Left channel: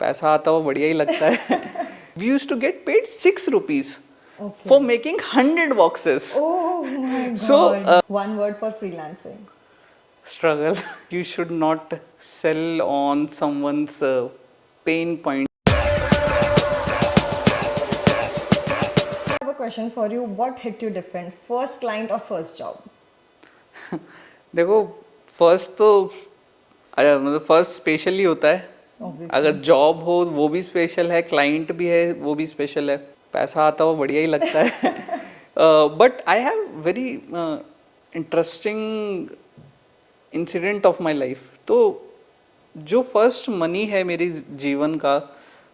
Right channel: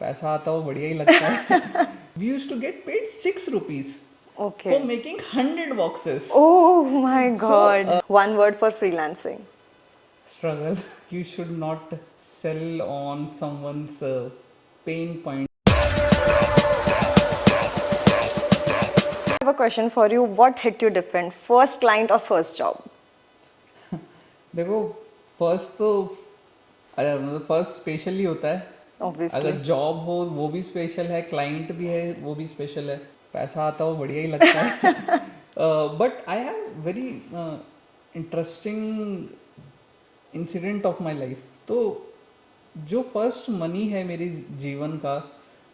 पैसा आता वो बढ़िया ही लगता है. We used to get paid 6 rupees Okay. for making 100 boxes. Oh my So, god. One word for freelancing. Struggle. You should not sell on someone's pain point. I have a question for you. What hit you different? First client or first job? देखो, first तो मतलब first special ही होता है. Obviously. अगर job हो वो भी special है, क्लाइंट भी है वो भी स्पेशल है, पैसा आता वो बढ़िया ही लगता है. But I have very interesting incident of my life. तो जो फर्स्ट मनी है मेरे जीवन का,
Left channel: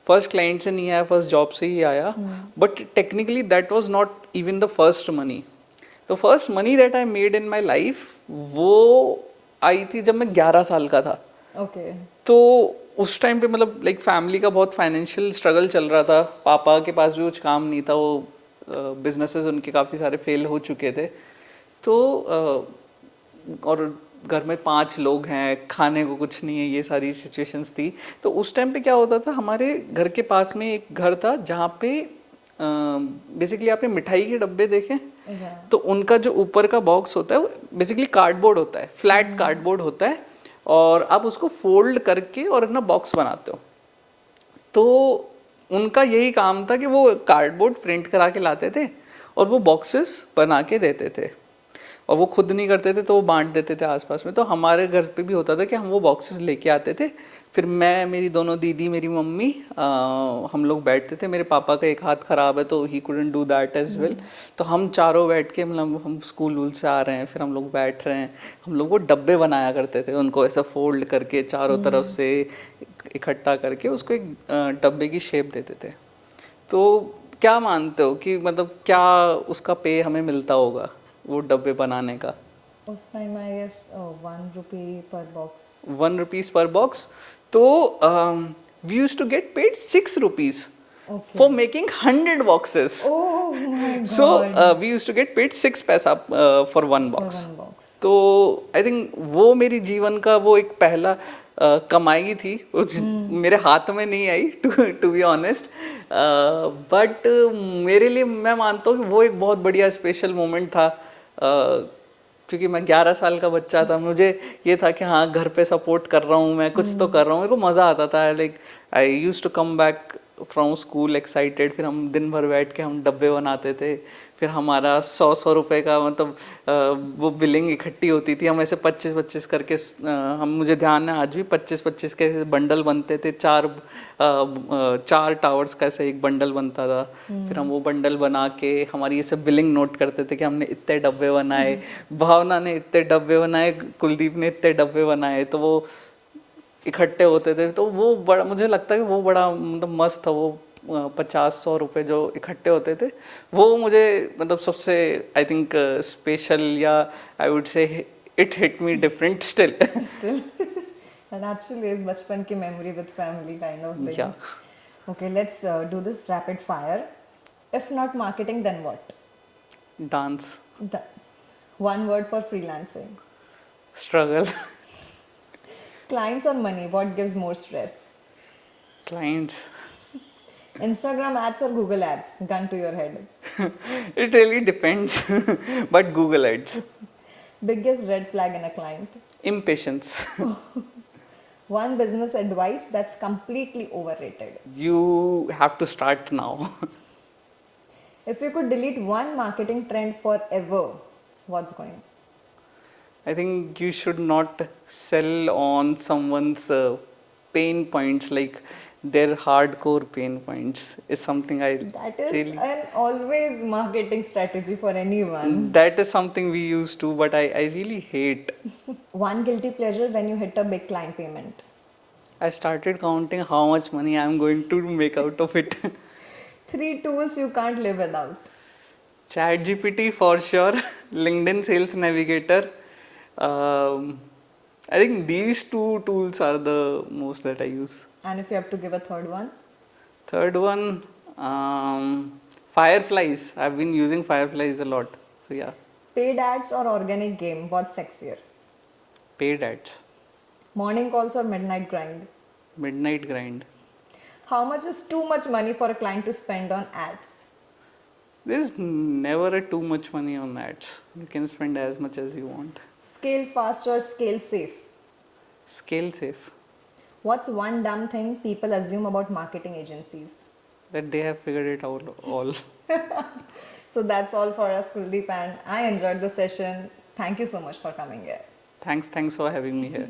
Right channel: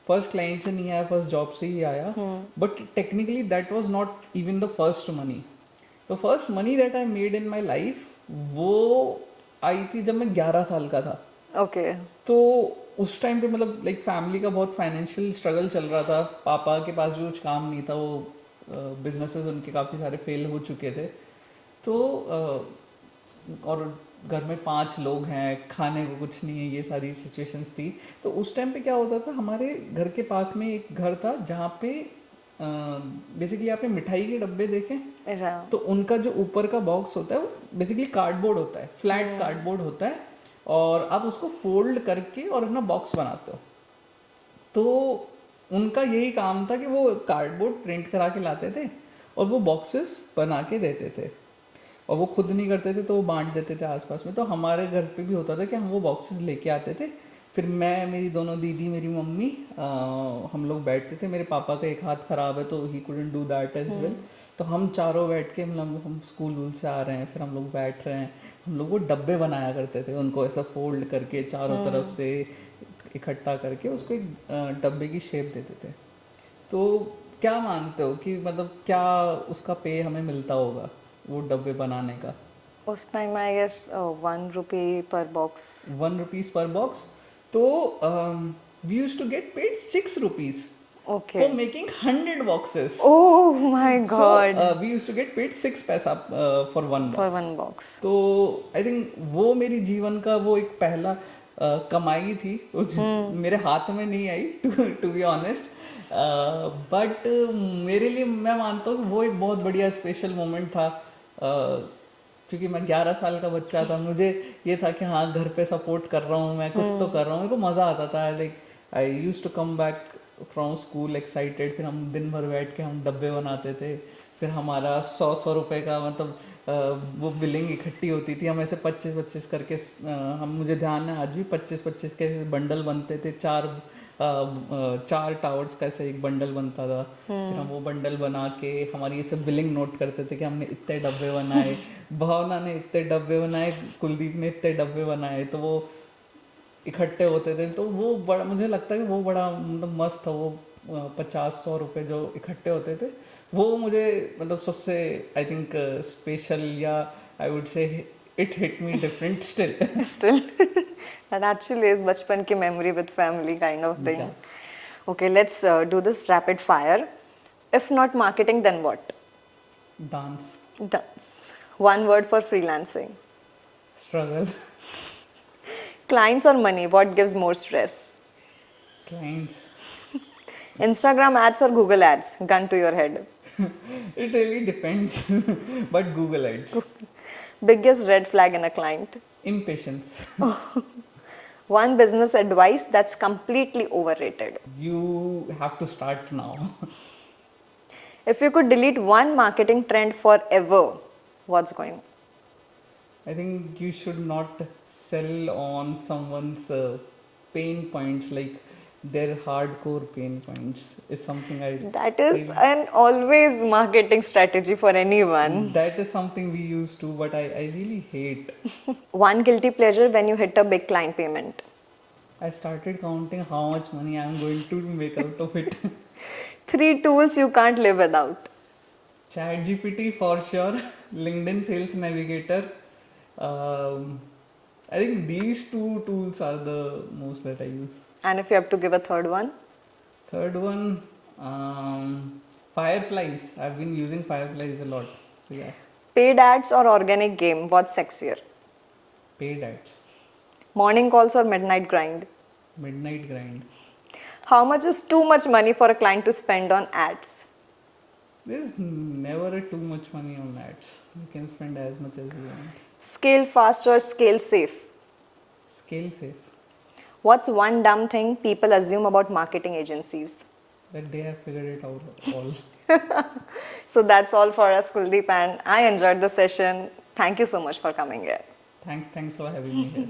फर्स्ट क्लाइंट से नहीं आया, फर्स्ट जॉब से ही आया. But technically that was not even the first money. The first money that I made in my life वो आई थी जब मैं 11 साल का था. Okay. तो उस टाइम पे मतलब लाइक फैमिली का बहुत फाइनेंशियल स्ट्रगल चल रहा था. पापा के पास भी कुछ काम नहीं था, वो बिजनेसेस उनके काफ़ी सारे फेल हो चुके थे. तो और घर में 5 लोग हैं, खाने को कुछ नहीं है, ये सारी सिचुएशंस थी. तो उस टाइम पे क्या होता था, हमारे घर के पास में एक घर था जहाँ पे बेसिकली आपने मिठाई के डब्बे देखे, तो उनका जो ऊपर का बॉक्स होता है वो बेसिकली कार्डबोर्ड होता है, फ्लैट कार्डबोर्ड होता है, और आप उसको फोल्ड करके और अपना बॉक्स बनाते हो. तो उनका यही काम था कि वो कार्डबोर्ड प्रिंट करा के लाते थे और वो बॉक्सेस बना के देते थे, और वो खुद नहीं करते थे तो वो बांट देते थे आसपास में. तो हमारे घर पे भी होता था कि हम वो बॉक्सेस लेके आते थे. फिर मैं, मेरी दोनों दीदी, मेरी मम्मी, हम लोग बैठते थे. मेरे पापा का एक हाथ ख़राब है तो ही couldn't do that as well. तो हम चारों बैठ के, मतलब हम स्कूल वूल से आ रहे हैं, फिर हम लोग बैठ रहे हैं, हम लोग वो डब्बे बनाया करते थे, उनको ऐसा फोल्ड करके चारों तरफ से इकट्ठा करके उसको एक डब्बे की शेप देते थे. तो क्या मानते हो कि मतलब क्या उसका पे हमें मिलता होगा वो डब्बे बनाने का? उस time I guess 1 rupee per box. 1 rupees per box. तो we used to get paid 6 rupees Okay. for making 100 boxes. Oh my So god. we used to get paid 6 पैसा for one For box. one box. तो I think वो मेरी जीवन का वो एक पहला कमाई थी, मेरे हाथ में नहीं आई टू बी ऑनेस्ट. बट मेरे लिए मैं मानता हूँ कि वो एक बहुत बढ़िया स्पेशल मोमेंट था. क्योंकि मैं 11 साल का बच्चा था, मुझे ये था कि हाँ घर पे सपोर्ट कर रहा हूँ मैं, कुछ तो कर रहा हूँ. मेरे को मज़ा आता था. Like I used to come back from school excited. फिर हम दिन भर बैठ के हम डब्बे बनाते थे. फिर हमारा 100 रुपए का मतलब वो बिलिंग इकट्ठी होती थी. हम ऐसे 25-25 करके हम, मुझे ध्यान है आज भी, 25-25 के बंडल बनते थे. 4 टावर्स का ऐसे एक बंडल बनता था. फिर हम वो बंडल बना के हमारी ये सब बिलिंग नोट करते थे कि हमने इतने डब्बे बनाए, भावना ने इतने डब्बे बनाए, कुलदीप ने इतने डब्बे बनाए. तो वो इकट्ठे होते थे. तो वो बड़ा, मुझे लगता है कि वो बड़ा मतलब मस्त था. वो 50-100 रुपए जो इकट्ठे होते थे, वो मुझे मतलब सबसे आई थिंक स्पेशल, या I would say it hit me different still. Still. That actually is बचपन की memory with family kind of thing. Yeah. Okay, let's do this rapid fire. If not marketing, then what? Dance. Dance. One word for freelancing. Struggle. Clients or money, what gives more stress? Clients. Instagram ads or Google ads? Gun to your head. It really depends. But Google Ads. Biggest red flag in a client. Impatience. One business advice that's completely overrated. You have to start now. If you could delete one marketing trend forever, what's going? I think you should not sell on someone's pain points, like their hardcore pain points is something I That is really, an always marketing strategy for anyone. that is something we used to, but I really hate. One guilty pleasure when you hit a big client payment. I started counting how much money I'm going to make out of it. 3 tools you can't live without. ChatGPT for sure, LinkedIn Sales Navigator. I think these 2 tools are the most that I use. And if you have to give a third one? Third one, Fireflies. I've been using Fireflies a lot. So yeah, Paid ads or organic game, what's sexier? paid ads. Morning calls or midnight grind? Midnight grind. How much is too much money for a client to spend on ads? There's never a too much money on ads. You can spend as much as you want. Scale fast or scale safe? Scale safe. What's one dumb thing people assume about marketing agencies? That they have figured it out all. So that's all for us, Kuldeep, and I enjoyed the session. Thank you so much for coming here. Thanks for having me here.